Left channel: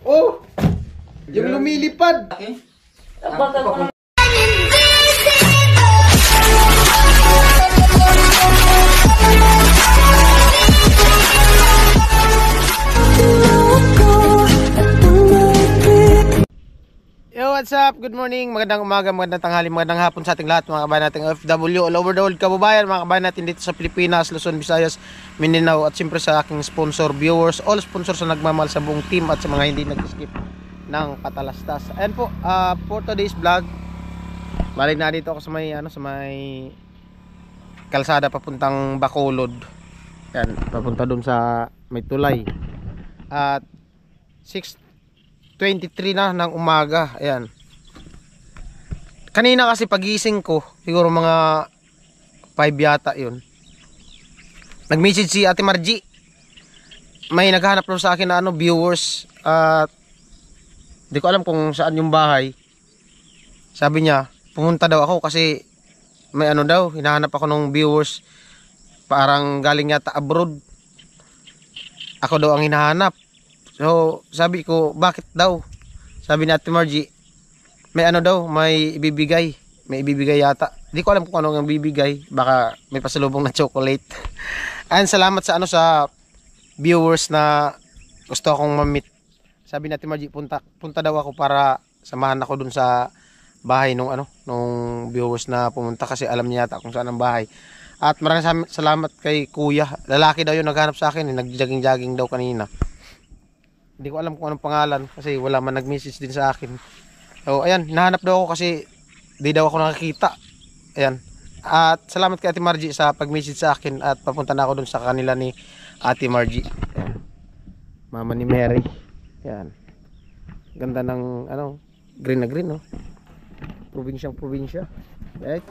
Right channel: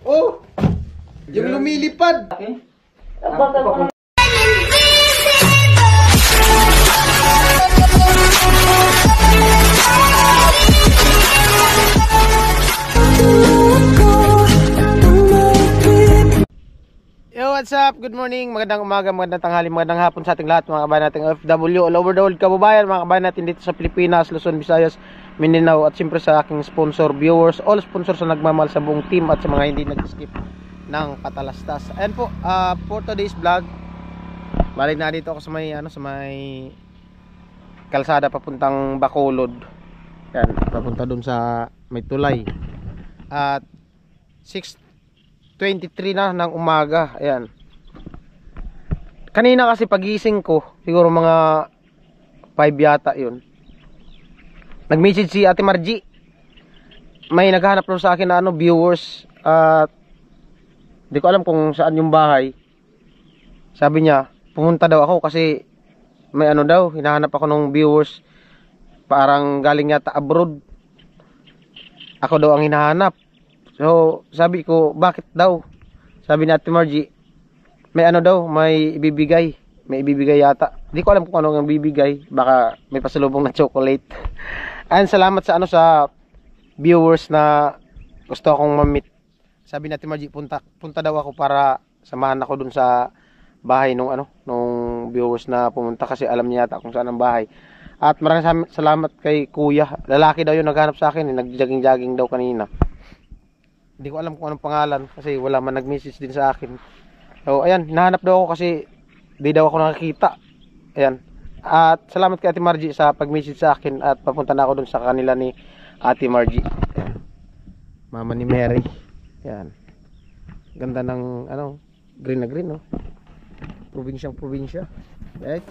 Oh! Yung lumilipad! Okay. Yo, what's up? Good morning, magandang umaga, magandang tanghali, magandang hapon sa ating lahat, mga kabayan nating OFW all over the world, kababayan, mga kabayan natin dito sa Pilipinas, Luzon, Visayas, Mindanao, at siyempre sa aking sponsor, viewers, all sponsors na nagmamahal sa buong team at sa mga hindi nag-skip ng patalastas. Ayan po, for today's vlog, balik na dito ako sa may kalsada papuntang Bacolod. Ayan, papunta dun sa may tulay. At 6:23 na ng umaga. Ayan. Kanina kasi pagising ko, siguro mga 5 yata yun, nag-message si Ate Margie. May naghahanap daw sa akin na viewers. At di ko alam kung saan yung bahay. Sabi niya, pumunta daw ako kasi may daw, hinahanap ako ng viewers. Parang galing yata abroad. Ako daw ang hinahanap. So, sabi ko, bakit daw? Sabi ni Ate Margie, may daw, may ibibigay. May ibibigay yata. Di ko alam kung ano ang bibigay. Baka may pasalubong na chocolate. And salamat sa sa viewers na gusto akong ma-meet. Sabi ni Ate Margie, punta daw ako para samahan ako dun sa bahay nung viewers na pumunta kasi alam niya yata kung saan ang bahay. At maraming salamat kay Kuya. Lalaki daw yung naghanap sa akin, nag-jogging daw kanina. Hindi ko alam kung anong pangalan kasi wala man nag-message din sa akin. So ayan, hinahanap daw ako kasi di daw ako nakakita. Ayan. At salamat kay Ate Margie sa pag-message sa akin at papunta na ako dun sa kanila ni Ate Margie. Ayan. Mama ni Mary. Ayan. Ganda ng green na green, no? Probinsya. Right?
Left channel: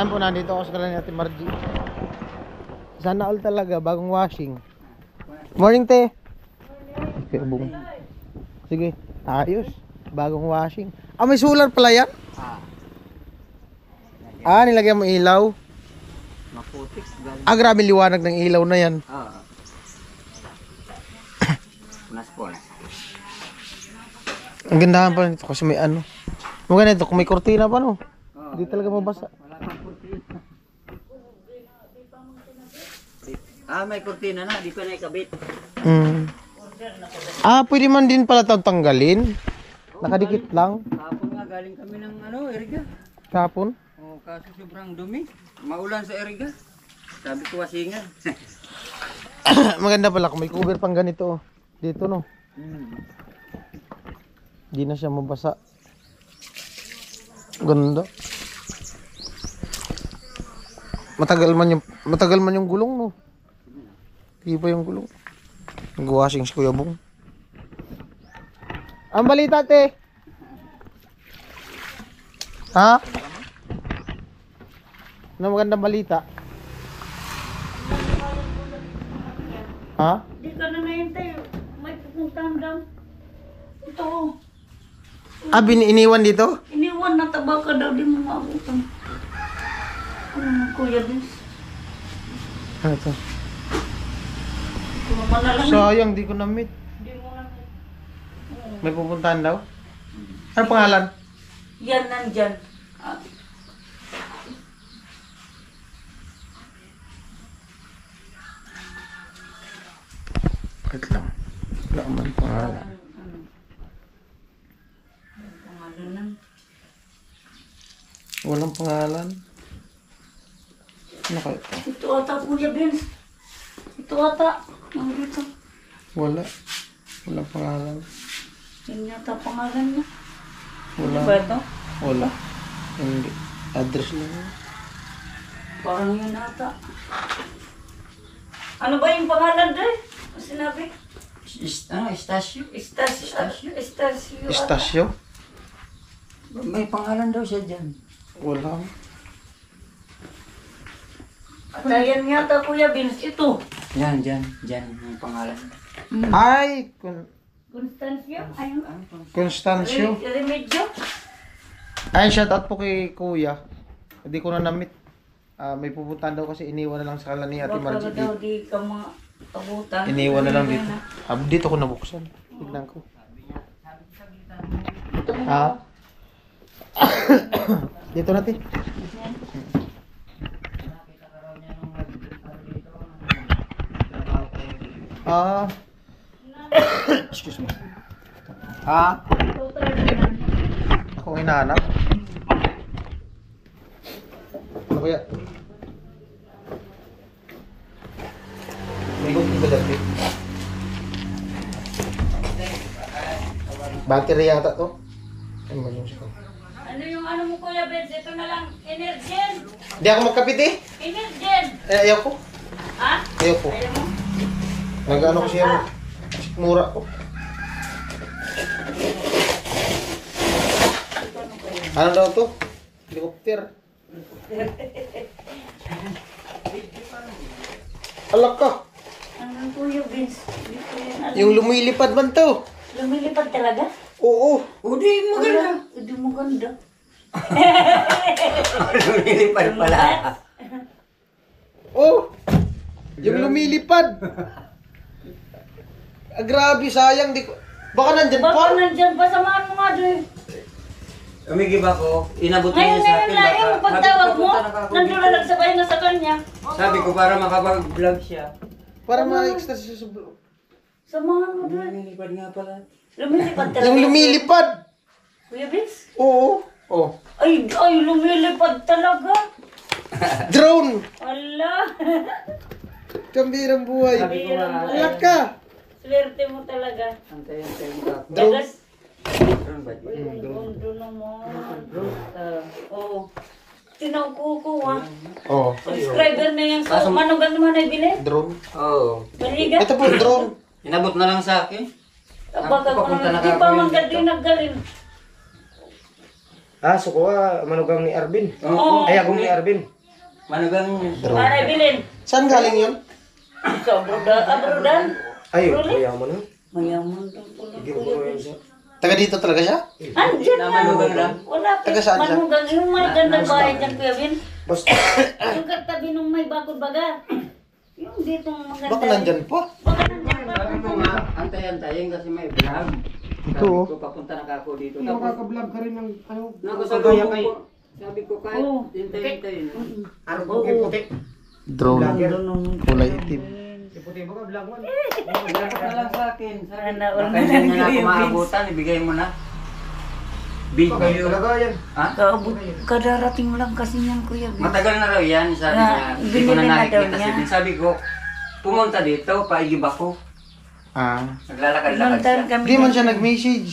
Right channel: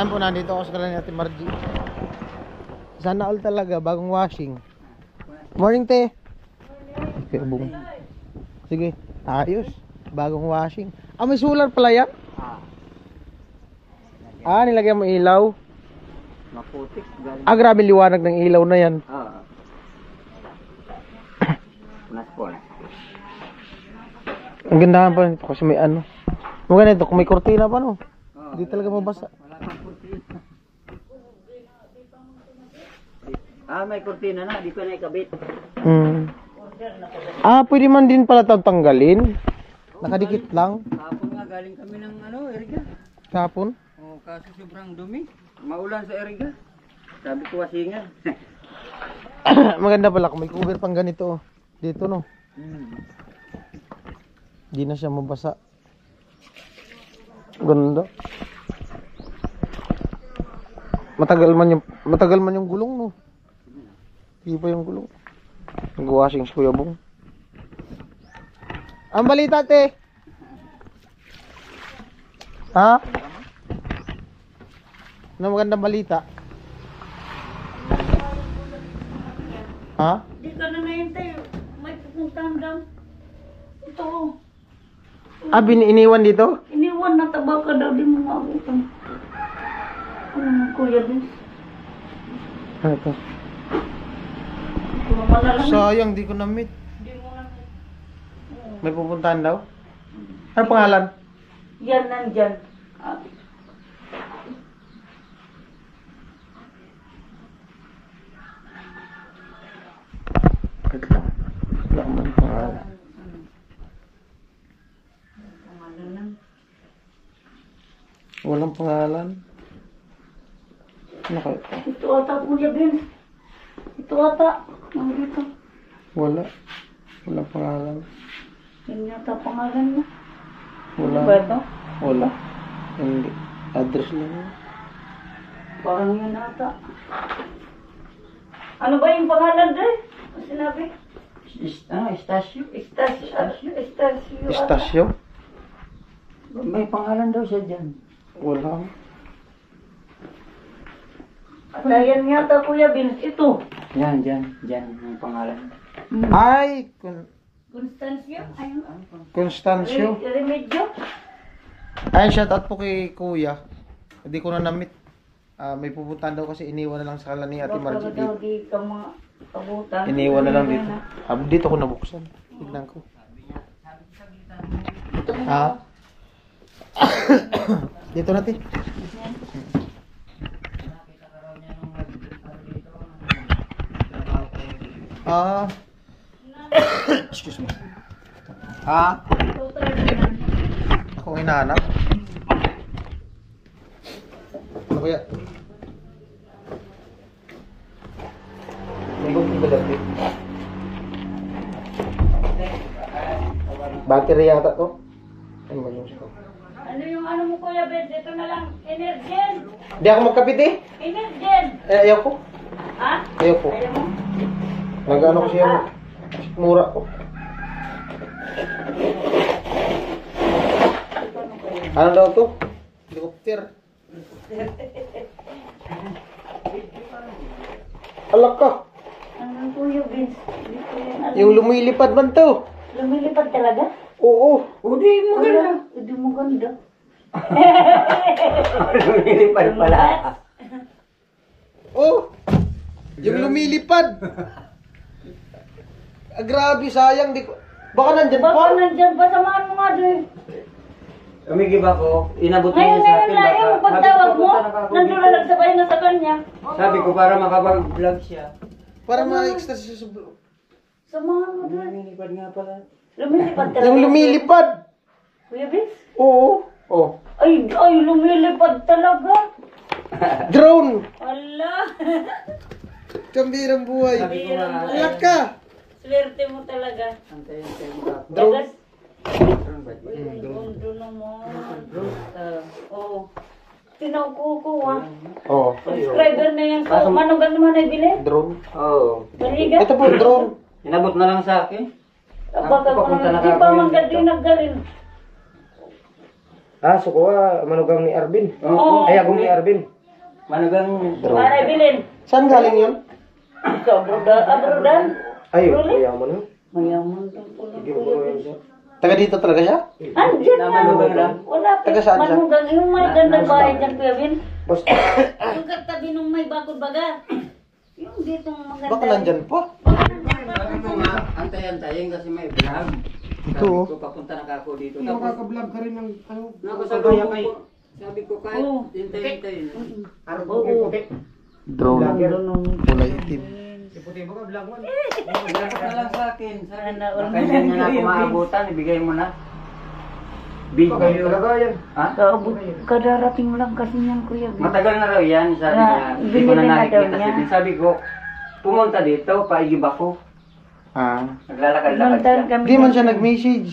Ayan po, nandito ako sa kanila ni Ate Margie. Sana all talaga, bagong washing. Morning, te. Morning. Sige, ayos. Bagong washing. Ah, may solar pala yan? Nilagyan mo ilaw. Maputik. Galing. Ah, grabe liwanag ng ilaw na yan. Oo. Punas. Ang gandahan pa nito kasi may ano. Maganda ito, kung may kortina pa no. Hindi talaga mabasa. Wala pang kurtina. Ah, may kurtina na. Di pa na ikabit. Ah, pwede man din pala ito tanggalin. Nakadikit lang. Kapon nga galing kami ng Eriga. Kapon. Oh, kaso sobrang dumi. Maulan sa Eriga. Sabi ko wasingan. Maganda pala kung may cover pang ganito. Dito no. Hindi na siya mabasa. Ganda. Matagal man yung gulong no. Iba yung gulong. Nag-washing si Kuya Bong. Ang balita te. Ha? Ano magandang balita? Ha? Di ka na nahintay. May pupuntahan daw. Ito. Ah, iniwan dito? Iniwan na tabaka daw. Di mo maabutan. Ano ng kuya bis? Ano to? Kung manalang. Sayang, di ko na-meet. Di mo na. May pupuntahan daw? Ano pangalan? Yan nandyan. Ah, Wait lang. Wala man pangalan. pangalan ng. Walang pangalan. Ano kayo to? Ito ata kuya Vince. Ito ata. Nandito. Wala. Walang pangalan. Yan yata pangalan niya. Wala. Ano ba ito? Wala. Hindi. Address lang. Parang yun ata. Ano ba yung pangalan doon? Ano sinabi? Estasyo? Estasyo. Estasyo. Istasyo? May pangalan daw siya dyan. Wala. At ayan yata Kuya Vince. Ito. Yan, dyan. Dyan yung pangalan. Ay! Constancio. Ayun. Constancio. Remedyo. Ay, shout out po kay Kuya. Hindi ko na na-meet. May pupuntahan daw kasi iniwan na lang sa kanila ni Ate Baka Margie daw dito. di ka maabutan. Iniwan na lang dito. Dito ko nabuksan. Tignan ko. Ito mo Ha? Dito natin. Excuse me. Ha? Ako hinahanap. Ano kaya? May kong iba dati. Battery yata to. Ano ba yung siko? Ano yung ano mo Kuya Vince? Ito na lang. Energen. Hindi ako magkapit eh. Energen. Ayaw ko. Ha? Ayaw ko. Ayaw mo? Nag-ano ko siya. Mura ko. Ano daw to? Helicopter. Alak ka. Ano Kuya Vince? Hindi ko yan alam. Yung lumilipad man to. Lumilipad talaga? Oo. Udi, maganda. Hindi mo ganda. Lumilipad pala. Oh. Yung lumilipad. Grabe, sayang. Di ko... Baka nandyan Baka pa. nandyan pa. Samahan mo nga doon. Umigib ako, inabot niya Ngayon, sa ngayon akin. na. Yung pagtawag mo, nandun na nagsabay na sa kanya. Sabi ko para makapag-vlog siya. Para ma-extra siya sa vlog. Samahan mo doon. Lumilipad nga pala. Lumilipad talaga. Yung lumilipad. Kuya Vince? Oo. Oh. Ay, lumilipad talaga. Drone. Wala. Kambirang buhay. Sabi ko nga, Alak ka. Swerte mo talaga. antayin ko. Drone. Dagas. Drone ba? Uy, ang gondo naman. Oo. Tinawag ko ah. Oh. Subscriber na yan sa manugan naman ay bilhin. Drone. Oo. Maliga. Ito po, drone. Inabot na lang sa akin. Baka ko Papunta naman. na Di pa kami man dito. gadi naggalin. So kuha manugang ni Arvin. Oo. Ay agong ni Arvin. Manugang Para ay bilhin. Saan galing yun? Sa abrodan. Ay, Really? kuya mo na. Mayaman daw po ng kuya Vince. Taga dito talaga siya? Andyan Na nga. manugang lang. Wala pa. Taga saan siya? Manugang. Yung may gandang bahay dyan, Kuya Vince. Post. Yung katabi nung may bakod baga. Yung ditong maganda. Baka nandyan pa. Sabi ko nga, antay-antayin kasi may vlog. Ito, oh. Sabi ko, papunta na ako dito. Hindi makaka-vlog ka rin ng ano. Naku, sabi kagaya ko, kay sabi ko kahit Oo. hintay-hintayin. Arab puti puti. Drone. Kulay itim. Si puti ba ka vlog mo? Dapat na lang sa akin. Sabi, Sana baka all hindi na na ako lang maabutan, ibigay mo na. Bakit Video. talaga yan? Ha? Kadarating mo lang kasi yan, Kuya Vince. Matagal na raw yan, sabi Na, niya. Hindi ko binili na na daw nakikita niya. si Vin. Sabi ko, pumunta dito, paigib ako. Ah. Naglalakad-lakad Pinuntahan siya. kami. Hindi man ng- siya nag-message.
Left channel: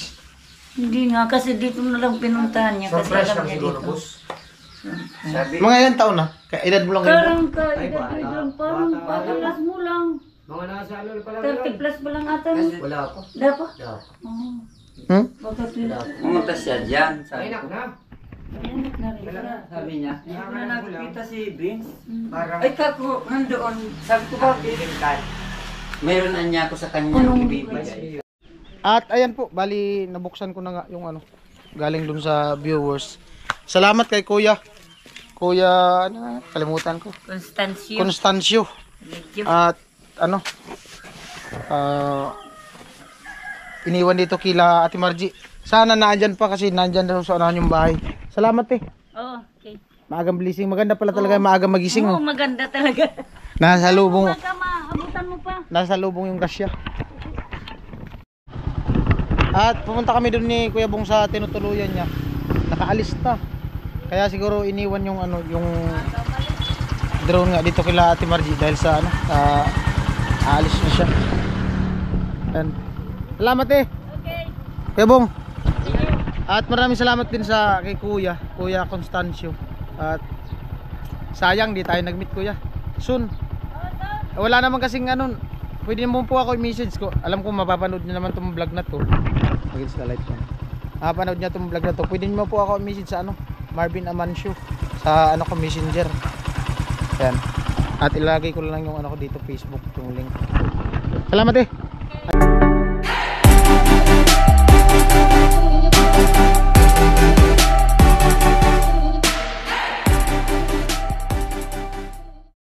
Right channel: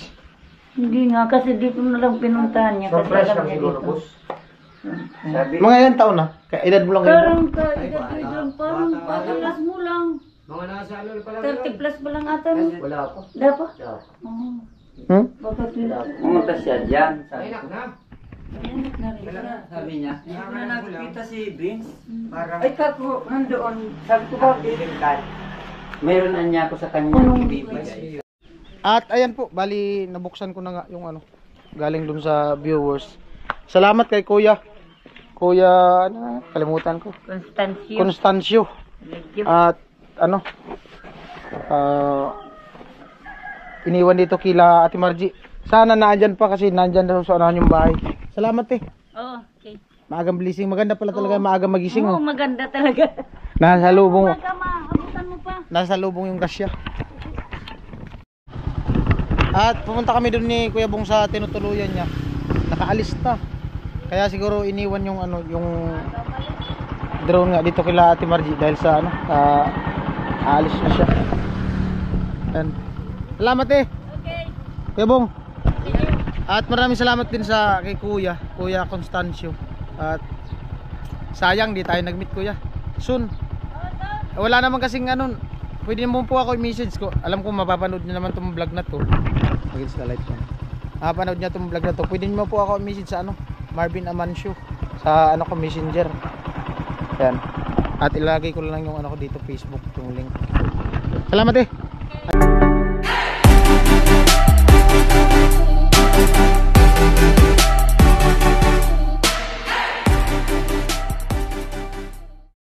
Hindi nga, kasi dito na lang pinuntahan niya. Kasi Surprise alam lang niya siguro, dito. boss. Sabi, Mga ilang taon na? Kaya edad mo lang kayo. Parang Ay, ka-edad bata. ko doon, parang Bata. pagkalas mo lang. Mga nasa ano pa lang. 30 plus pa lang ata. no? kasi Wala pa. Dapat? Wala pa. Oo. Hmm? Bakit yun? pumunta siya dyan. Sabi Ay, nak ko, na. Anak na rin. Wala na. sabi niya, hindi ko na nakikita si Vince. Parang Ay, kako, nandoon. Sabi ko, bakit? Mayroon na niya ako sa kanya Anong ibibigay. At ayan po, bali nabuksan ko na nga yung ano, galing dun sa viewers. Salamat kay Kuya. Kuya, ano, na, kalimutan ko. Constancio. Constancio. Medyo. At ano, iniwan dito kila Ate Margie. Sana naandyan pa kasi naandyan daw sa unahan yung bahay. Salamat eh. Oh, okay. Maagang blessing. Maganda pala talaga maagang magising. Oo, Oh. maganda talaga. Nasa lubong. Umaga, maabutan mo pa. Nasa lubong yung kasya. At pumunta kami doon ni Kuya Bong sa tinutuluyan niya. Nakaalis na. Kaya siguro iniwan yung ano, yung drone nga dito kila Ate Margie dahil sa ano, aalis na siya. Yan. Salamat eh. Okay. Kuya Bong. At maraming salamat din sa kay Kuya Constancio. At sayang di tayo nag-meet Kuya. Soon. Wala naman kasing ano, pwede mo po ako i-message ko. Alam ko mapapanood niyo naman tong vlog na to. Against the light ko. Mapapanood niyo tong vlog na to. Pwede mo po ako i-message sa ano, Marvin Amancio sa ano ko Messenger. Yan. At ilagay ko lang yung ano ko dito Facebook, yung link. Salamat eh.